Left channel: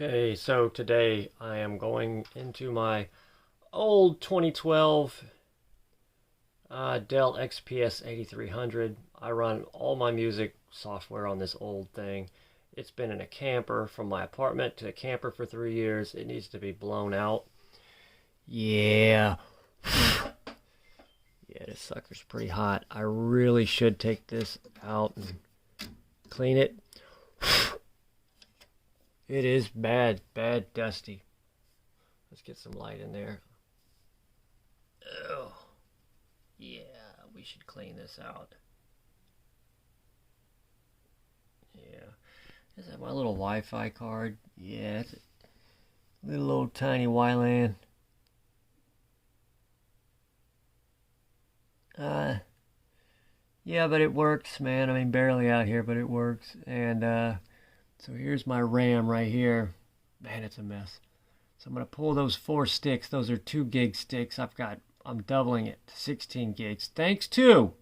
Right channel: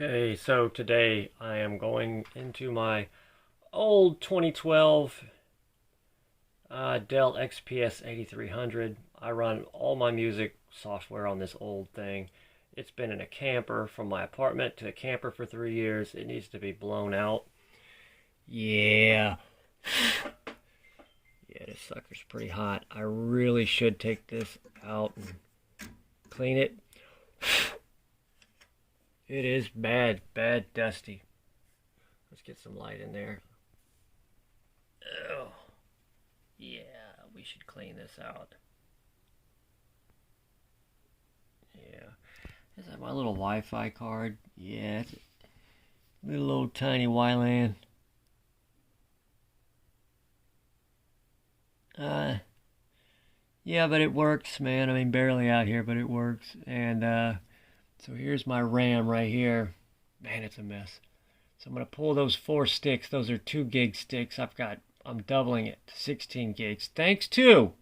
Okay, so today I am going into my old 2012 Dell XPS 8300. I run all my music software on this old thing. It's been in a camper from my apartment to a camper for 3 years. It needs to be blown out. Yeah. Yeah, this sucker's pretty hot. I really should take this out and clean it. It is bad dusty. Let's get some light in there. Oh, yeah, we should clean this out. Yeah. Is that my little Wi-Fi card? Yeah, it's a little old tiny WLAN. Yeah, but it works, man. I mean, barely out here, but it works. And so here's my RAM right here. Man, it's a mess. So I'm gonna pull those 4 sticks. Those are 2 gig sticks. I'm doubling it to 16 gigs. Thanks to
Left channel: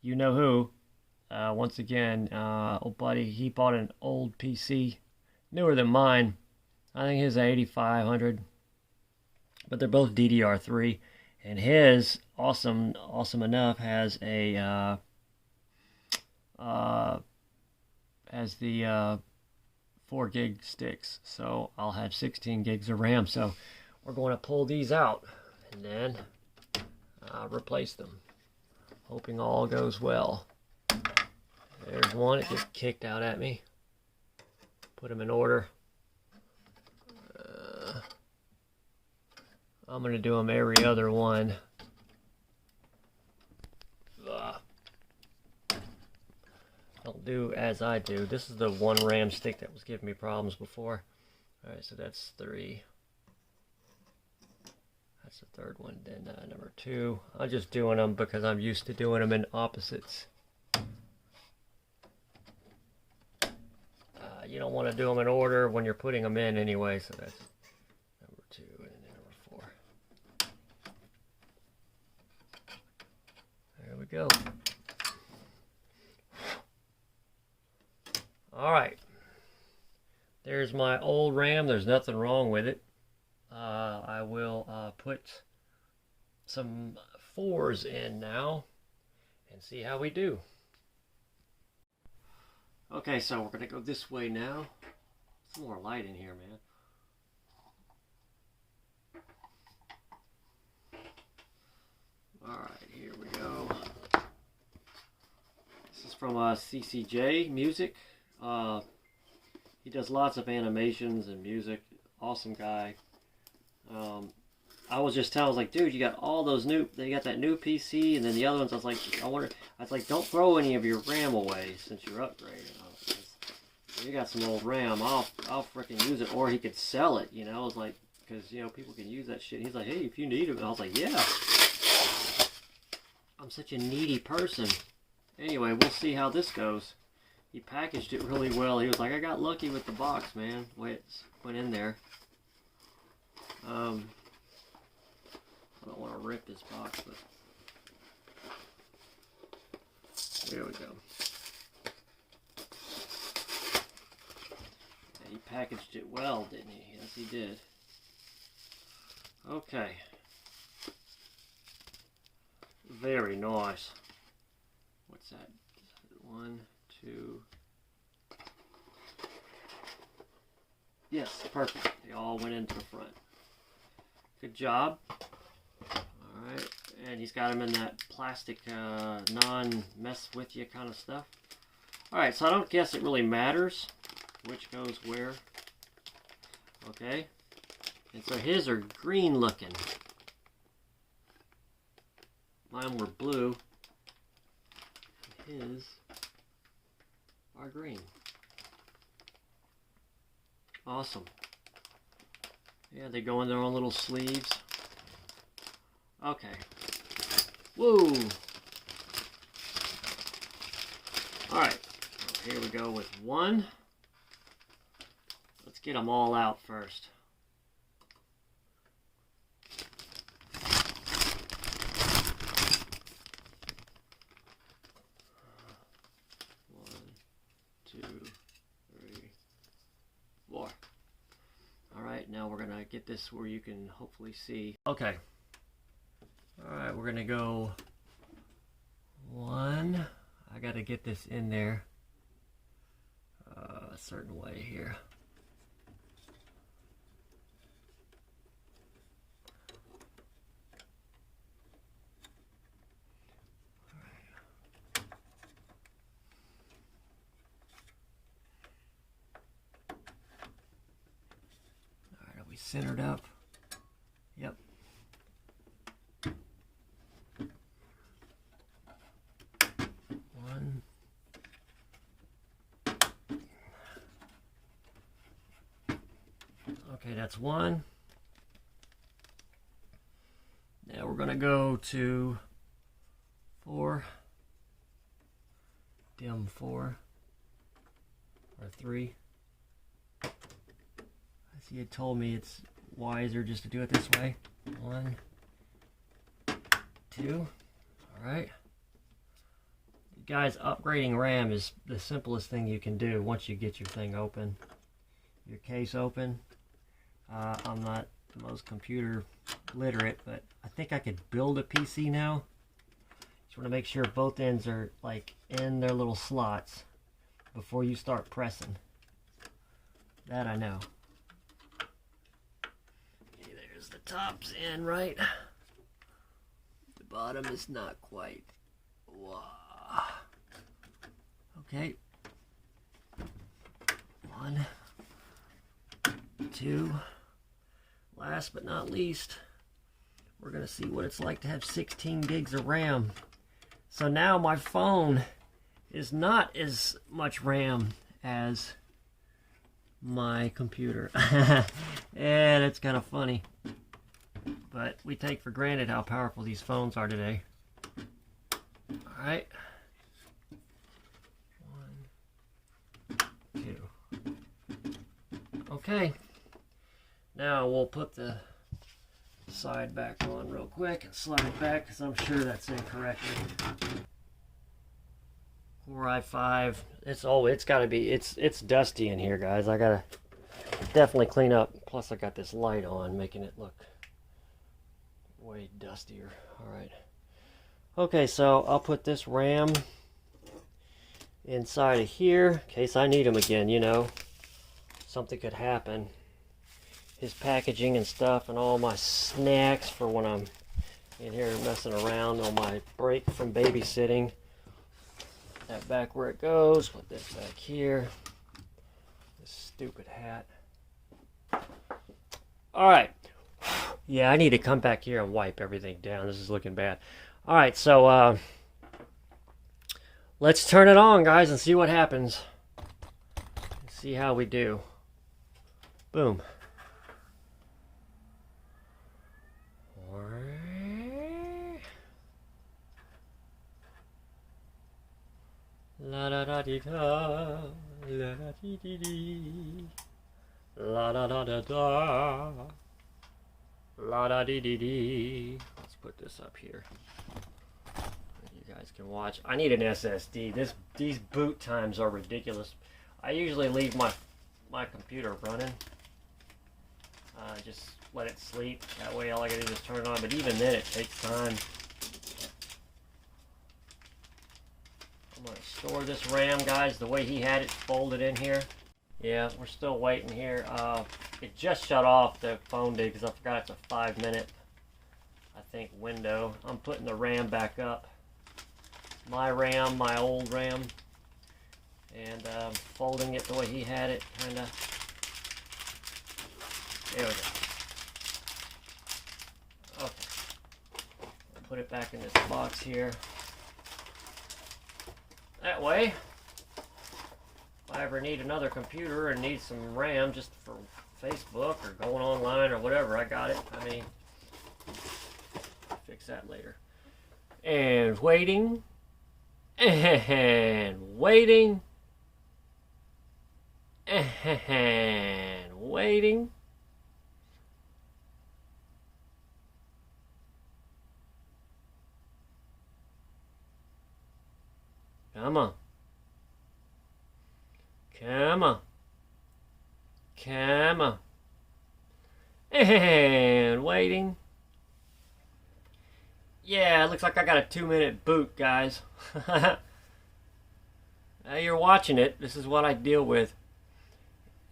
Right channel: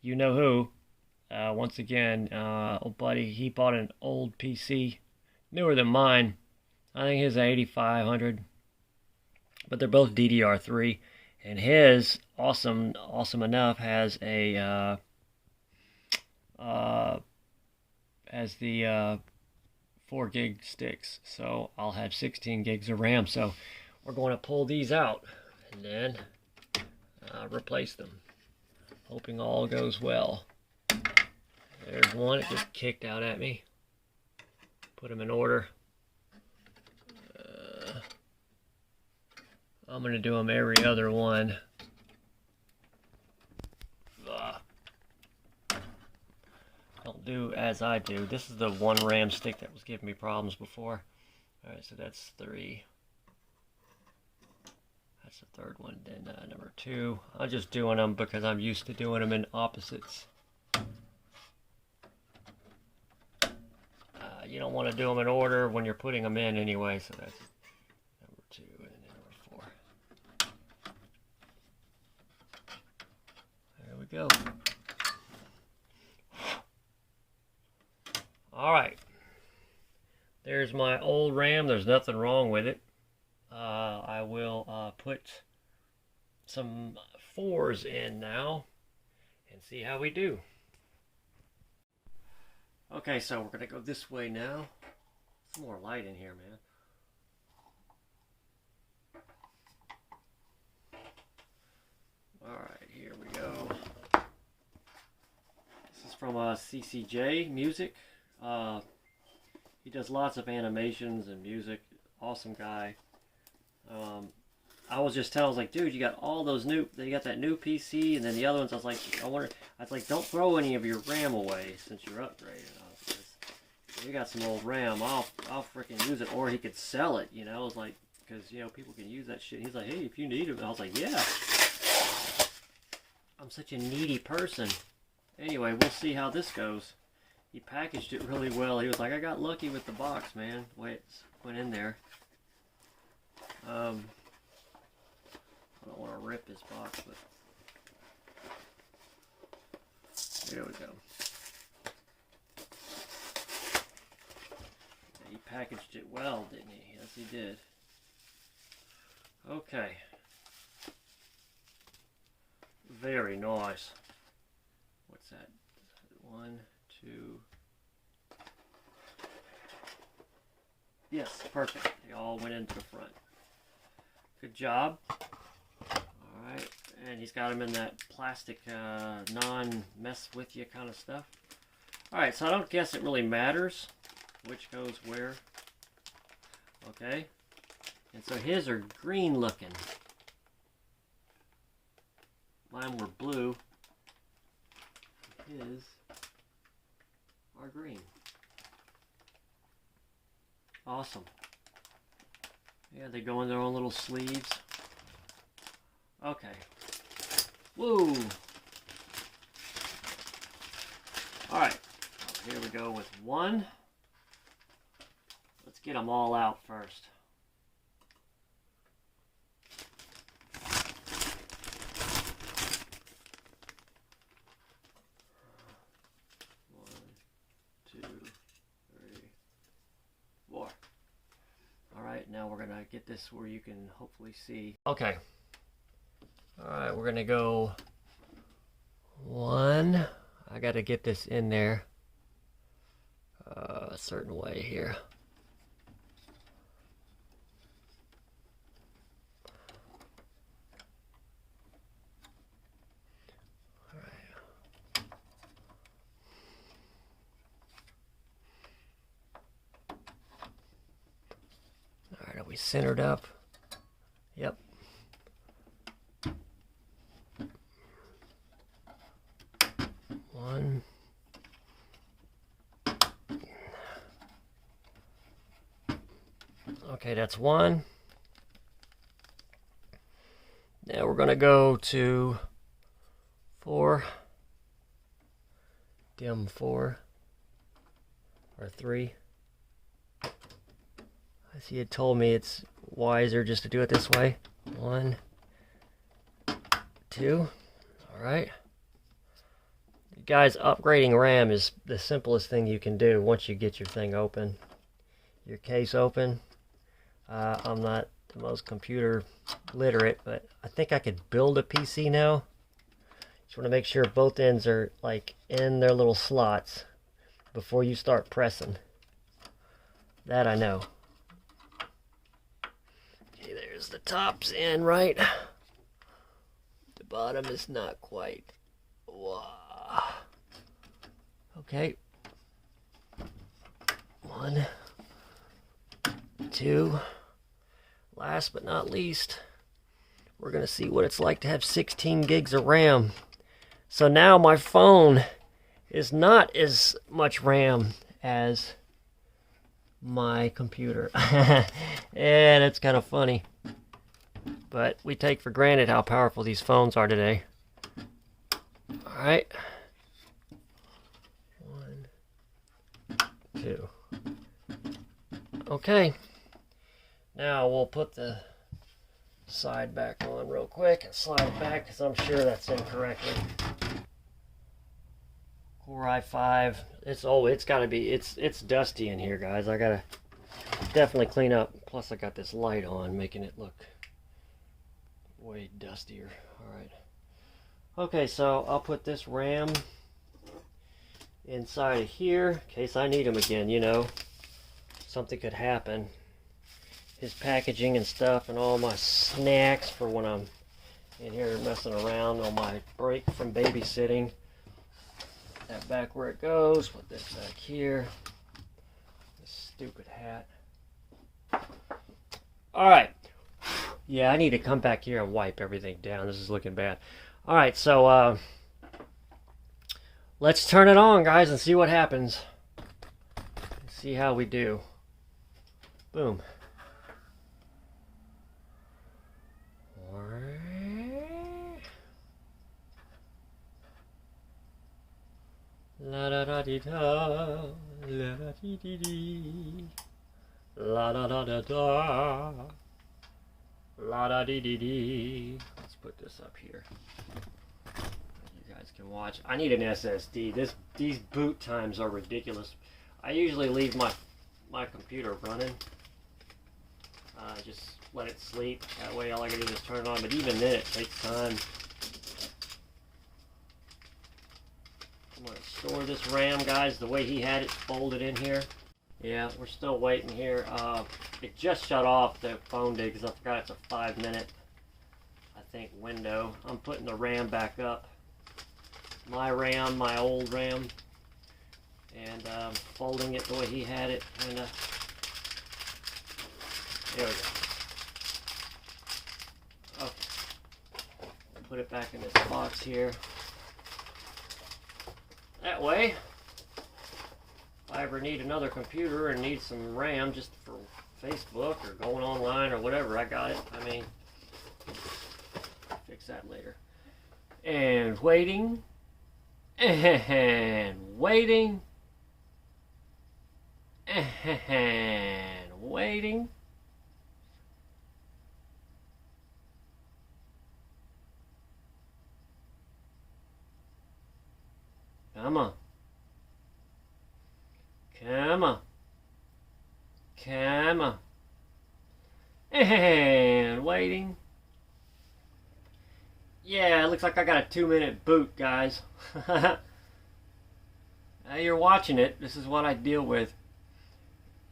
you know who. Once again, old buddy, he bought an old PC, newer than mine. I think his 8500, but they're both DDR3, and his awesome enough has a as the 4 gig sticks, so I'll have 16 gigs of RAM. So we're going to pull these out and then replace them, hoping all goes well. There's one. It just kicked out at me. Put them in order. I'm going to do them every other one. Don't do as I do. This is the one RAM stick that was giving me problems before. Alright, so that's 3. That's the third one. Then number 2. I'm just doing them because I'm used to doing them in opposites. You don't want to do them in order when you're putting them in anyway, so that's number 2 and then number 4. There we go. Alright, there's my old RAM. There's nothing wrong with it. I will put some 4s in now and see how we do. Okay, so we're going to go this way now. Some more light in here, man. Alright, here we go. This is from CCJ Music. He does lots of animations and music. Awesome guy. I was just telling, I was like, dude, you got all those they got that new PC, and then the other ones, I was like, don't throw any of your RAM away since you're upgrading. You got some old RAM, I'll freaking use it, or he could sell it, I was like, because, people can use that shit. He's like, hey, if you need it. And I was like, yeah. I'm such a needy person. Anyway, we'll see how this goes. He packaged it really well. He was like, I got lucky with the box, man. The way it went in there. I don't want to rip this box, but there we go. Yeah, he packaged it well, didn't he? Yes, he did. Okay. Very nice. What's that? 1, 2. Yes, perfect. They all went into the front. Good job. Alright, and he's got them in that plastic non-mess with you kind of stuff. Alright, so I don't guess it really matters which goes where. Okay, and so his are green looking. Mine were blue. His are green. Awesome. Yeah, they go in their own little sleeves. Okay. Woo! Alright. Here we go with 1. Let's get them all out first. One, two, three, 4. get this where you can hopefully see. Okay. All right, we're gonna go 1. I gotta get this in there a certain way here. Are we centered up? Yep. One. Okay, that's 1. Now we're going to go to 4. Dim 4 or 3. As he had told me, it's wiser just to do it this way. 1, 2. All right. Guys, upgrading RAM is the simplest thing you can do once you get your thing open, your case open. I'm not the most computer literate, but I think I could build a PC now. Just want to make sure both ends are like in their little slots before you start pressing. That I know. Okay, there's the top's in, right? The bottom is not quite. Wow. Okay. 1, 2. Last but not least, we're going to see what it's like to have 16 gigs of RAM. So now my phone is not as much RAM as my computer. And it's kind of funny. But we take for granted how powerful these phones are today. All right. 1, 2. Okay. Now we'll put the side back on real quick and slide it back because I'm sure that's incorrectly. Core i5. It's got to be. It's dusty in here, guys. I gotta definitely clean up. Plus, I got this light on, making it look way dustier. All right. Okay, so I'll put this RAM inside of here in case I need them again. You know, something could happen. His packaging and stuff, and all my snacks for when I'm in here messing around on my break from babysitting. That back where it goes. Put this back here. This stupid hat. All right. Yeah, I need to come back here and wipe everything down. This is looking bad. All right, so let's turn it on, guys, and see what happens. See how we do. Boom. La da da dee da, la da dee dee dee, la da da da da, la da dee dee dee. Let's put this up here. You guys can watch. I need an SSD. These boot times are ridiculous. I usually leave my computer running. Just let it sleep. That way, all I gotta do is turn it on. But even then, it takes time. I'm going to store this RAM, guys, the way he had it folded in here. Yeah, we're still waiting here. It just shut off, the phone did, because I forgot it's a 5-minute, I think, window. I'm putting the RAM back up. My RAM, my old RAM. And folding it the way he had it, kind of. There we go. Okay. I'll put it back in this box here. That way, if I ever need another computer and need some RAM just for Facebook or going online or whatever, I got it. I mean, fix that later. And waiting, and waiting, and waiting. Come on. Come on. Come on. And waiting. Yeah, it looks like I got a 2-minute boot, guys. Now you're watching it. This is what I deal with.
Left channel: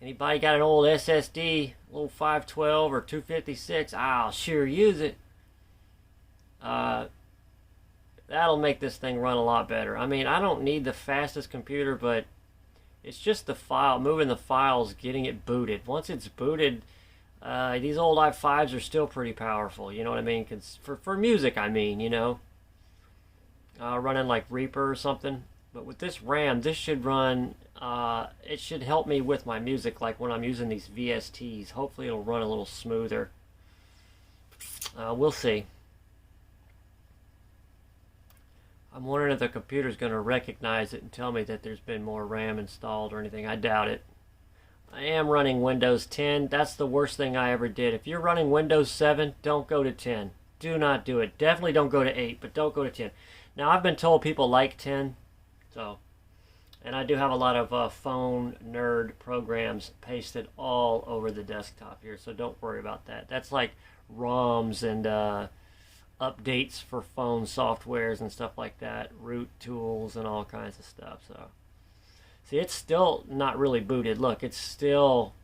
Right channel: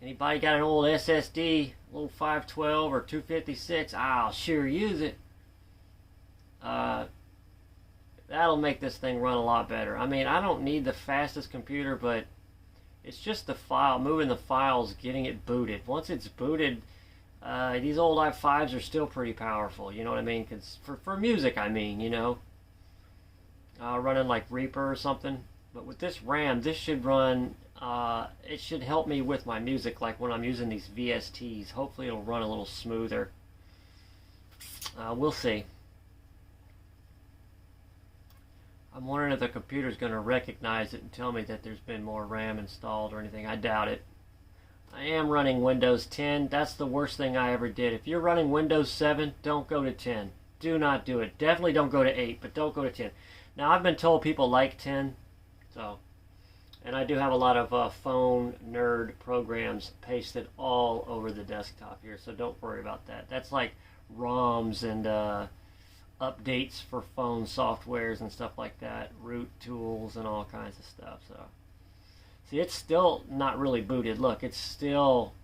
Anybody got an old SSD, little 512 or 256? I'll sure use it. Uh, that'll make this thing run a lot better. I mean, I don't need the fastest computer, but it's just the file, moving the files, getting it booted. Once it's booted, these old i5s are still pretty powerful. You know what I mean? 'Cause for music, I mean, you know, running like Reaper or something. But with this RAM, this should run. It should help me with my music, like when I'm using these VSTs. Hopefully, it'll run a little smoother. We'll see. I'm wondering if the computer's going to recognize it and tell me that there's been more RAM installed or anything. I doubt it. I am running Windows 10. That's the worst thing I ever did. If you're running Windows 7, don't go to 10. Do not do it. Definitely don't go to 8, but don't go to 10. Now, I've been told people like 10, so, and I do have a lot of phone nerd programs pasted all over the desktop here, so don't worry about that. That's like ROMs and updates for phone softwares and stuff like that, root tools and all kinds of stuff. So, see, it's still not really booted. Look, it's still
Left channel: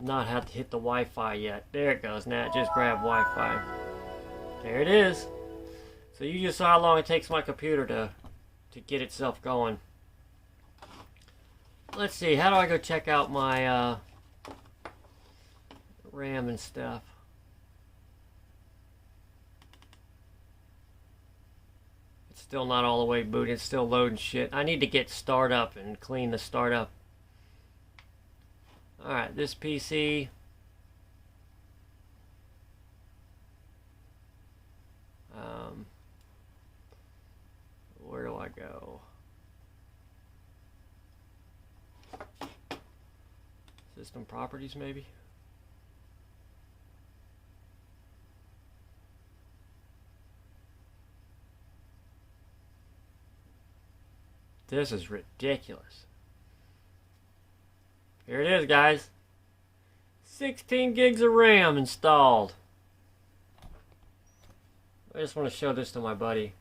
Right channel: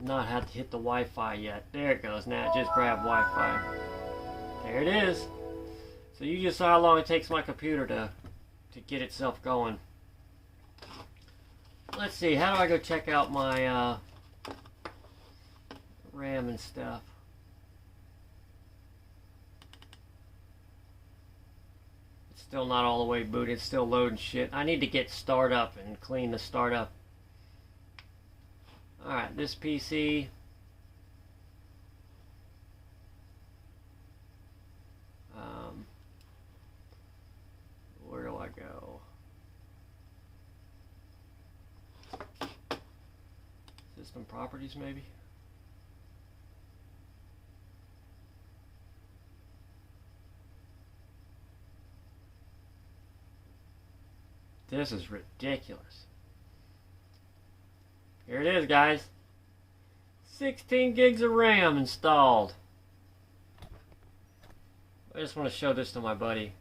not had to hit the Wi-Fi yet. There it goes. Now it just grabbed Wi-Fi. There it is. So you just saw how long it takes my computer to get itself going. Let's see. How do I go check out my RAM and stuff? Still not all the way booted. It's still loading shit. I need to get startup and clean the startup. Alright, this PC. Where do I go? System properties, maybe? This is ridiculous. Here it is, guys. 16 gigs of RAM installed. I just want to show this to my buddy.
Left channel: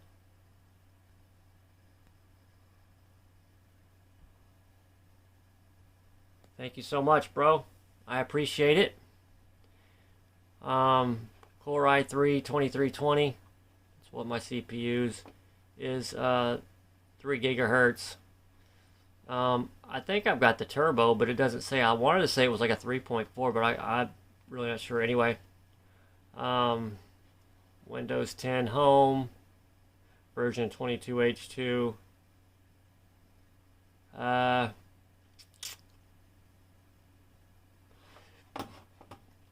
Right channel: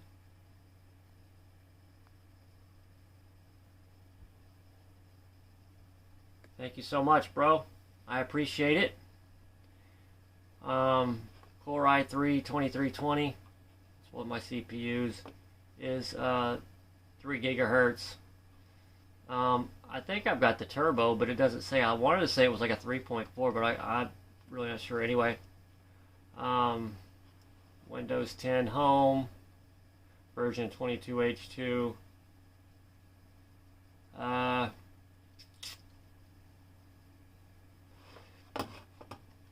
Thank you so much, bro. I appreciate it. Core i3 2320. That's what my CPUs is. 3 gigahertz. I think I've got the turbo, but it doesn't say. I wanted to say it was like a 3.4, but I'm really not sure anyway. Windows 10 Home, version 22H2.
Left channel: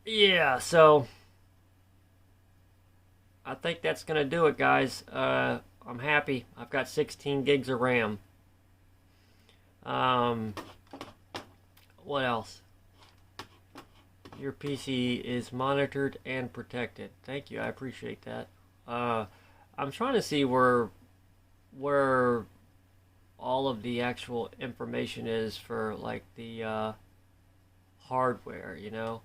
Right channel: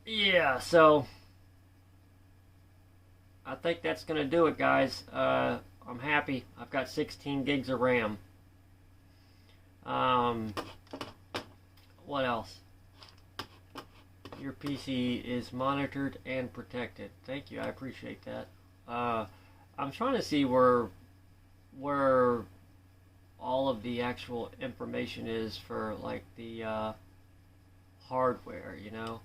Yeah, so I think that's going to do it, guys. I'm happy. I've got 16 gigs of RAM. What else? Your PC is monitored and protected. Thank you. I appreciate that. I'm trying to see where all of the actual information is for like the hardware, you know.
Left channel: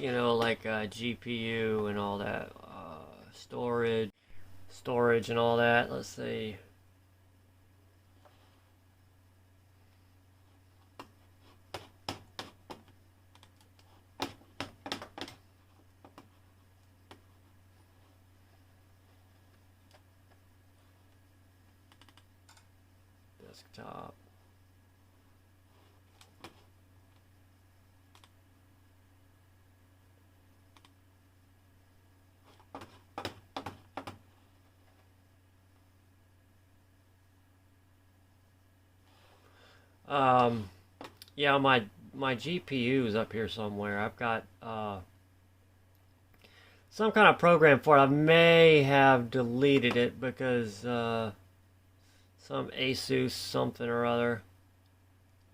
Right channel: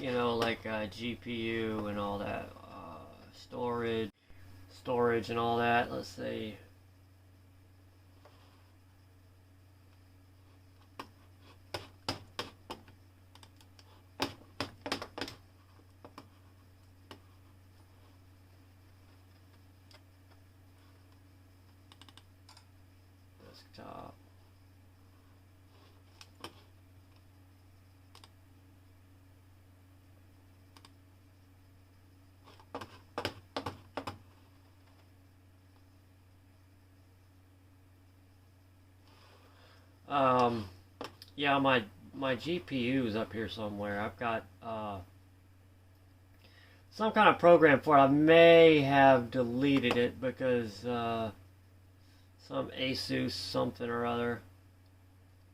You know, like GPU and all that, storage and all that. Let's see. Desktop. Yeah, my GPU is up here somewhere. I've got some kind of program for it. I may have deleted it because some Asus something or other,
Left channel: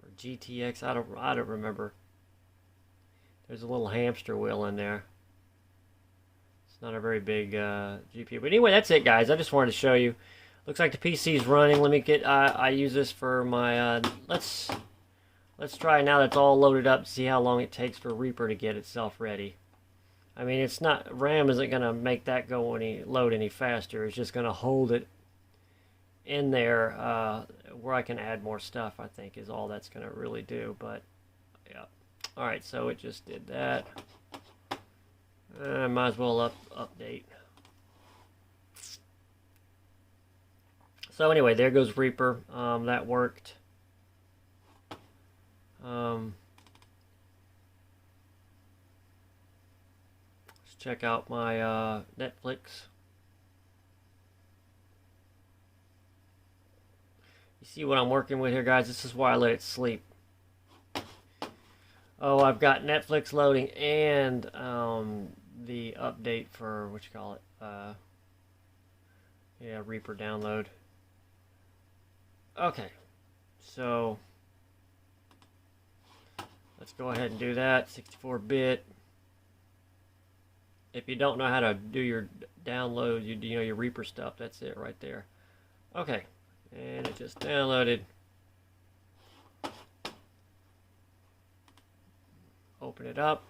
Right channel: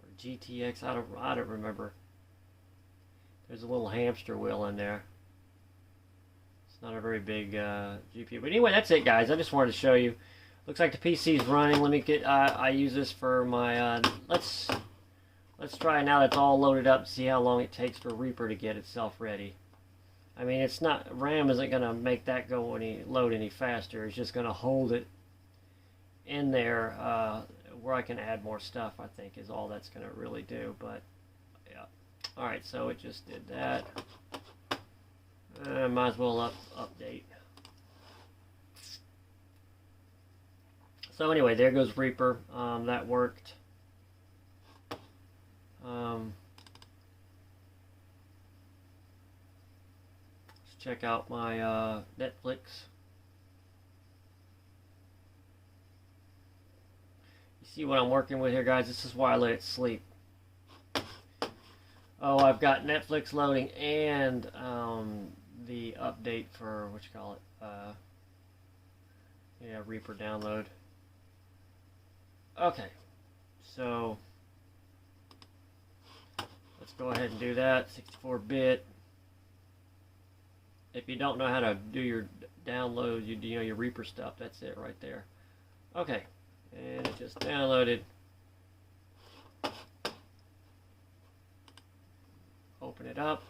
or GTX. I don't remember. There's a little hamster wheel in there. It's not a very big GPU. But anyway, that's it, guys. I just wanted to show you. Looks like the PC's running. Let me get. I use this for my. Let's try now that's all loaded up. See how long it takes for Reaper to get itself ready. I mean, it's not. RAM isn't gonna make that go load any faster. It's just gonna hold it in there where I can add more stuff. I think is all that's gonna really do. But yeah. All right. So it just did that. Might as well update. So anyway, there goes Reaper. That worked. Let's check out my Netflix. You see what I'm working with here, guys? This is why I let it sleep. Oh, I've got Netflix loading and the update for, what you call it? Yeah, Reaper download. Okay, so let's go ahead and do that. 64-bit. If you don't know how to do your download, you know your Reaper stuff. That's it right there. Okay, and it just downloaded. Open it up.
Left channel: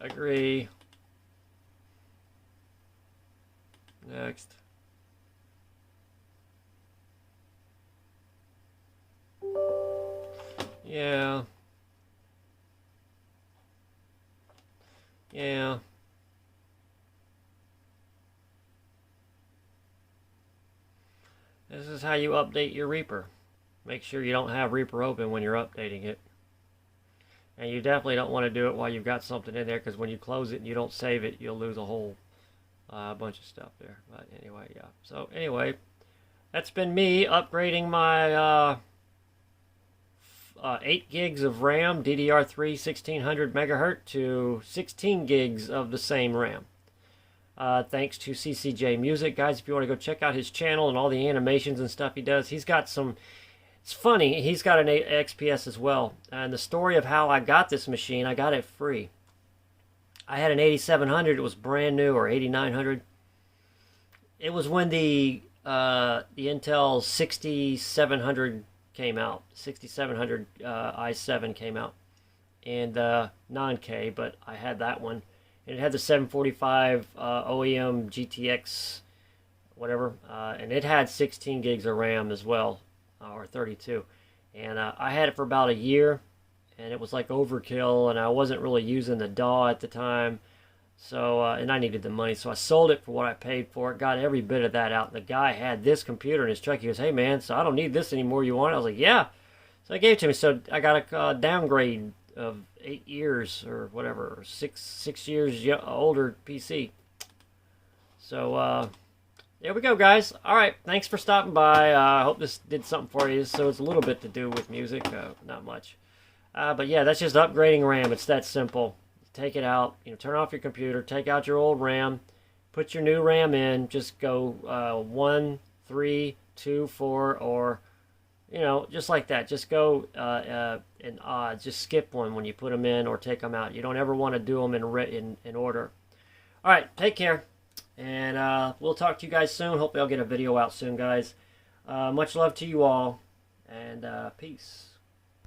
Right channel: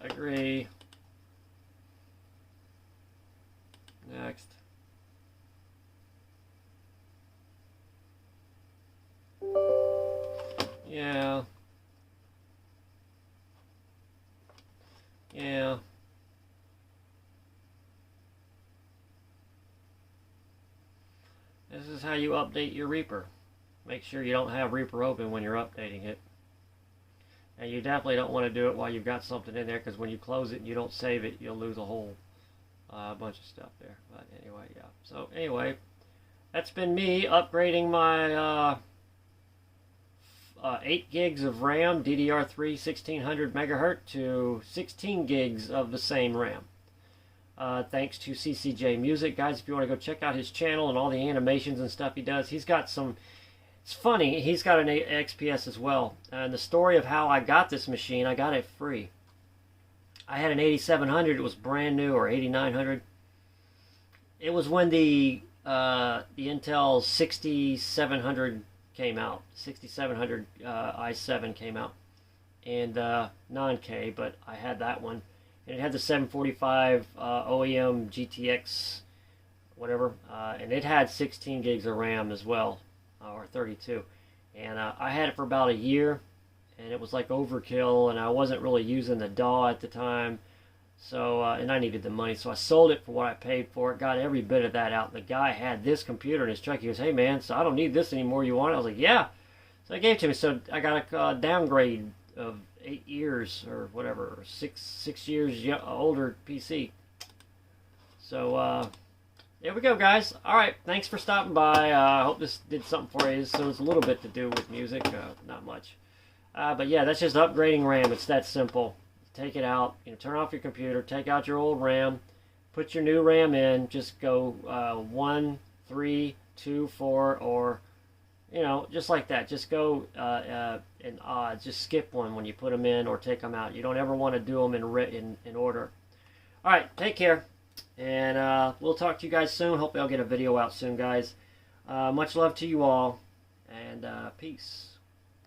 Agree. Next. Yeah. Yeah. This is how you update your Reaper. Make sure you don't have Reaper open when you're updating it. And you definitely don't want to do it while you've got something in there, because when you close it and you don't save it, you'll lose a whole bunch of stuff there. But anyway, yeah. So anyway, that's been me upgrading my 8 gigs of RAM, DDR3 1600 megahertz to 16 gigs of the same RAM. Thanks to CCJ Music. Guys, if you want to go check out his channel and all the animations and stuff he does, he's got some, it's funny, he's got an XPS as well. And the story of how I got this machine, I got it free. I had an 8700, it was brand new, or 8900. It was when the Intel 6700 came out, 6700 i7 came out, and non-K, but I had that one. And it had the 745 OEM GTX, whatever, and it had 16 gigs of RAM as well, or 32. And I had it for about a year, and it was like overkill, and I wasn't really using the DAW at the time, so and I needed the money, so I sold it for what I paid for it, got every bit of that out. And the guy had this computer in his truck. He goes, "Hey man, so I don't need this anymore, you want it?" I was like, "Yeah." So I gave it to him. So I got a downgrade of 8 years or whatever, six years older PC. So there we go, guys. All right, thanks for stopping by. I hope this did something for you. So it's a little bit to do with music, not much. But yeah, that's just upgrading RAM. It's that simple. Take it out, turn off your computer, take out your old RAM, put your new RAM in, just go 1, 3, 2, 4, or just like that. Just go in odds. Just skip one when you put them in or take them out. You don't ever want to do them in order. All right, take care, and we'll talk to you guys soon. Hopefully I'll get a video out soon, guys. Much love to you all, and peace.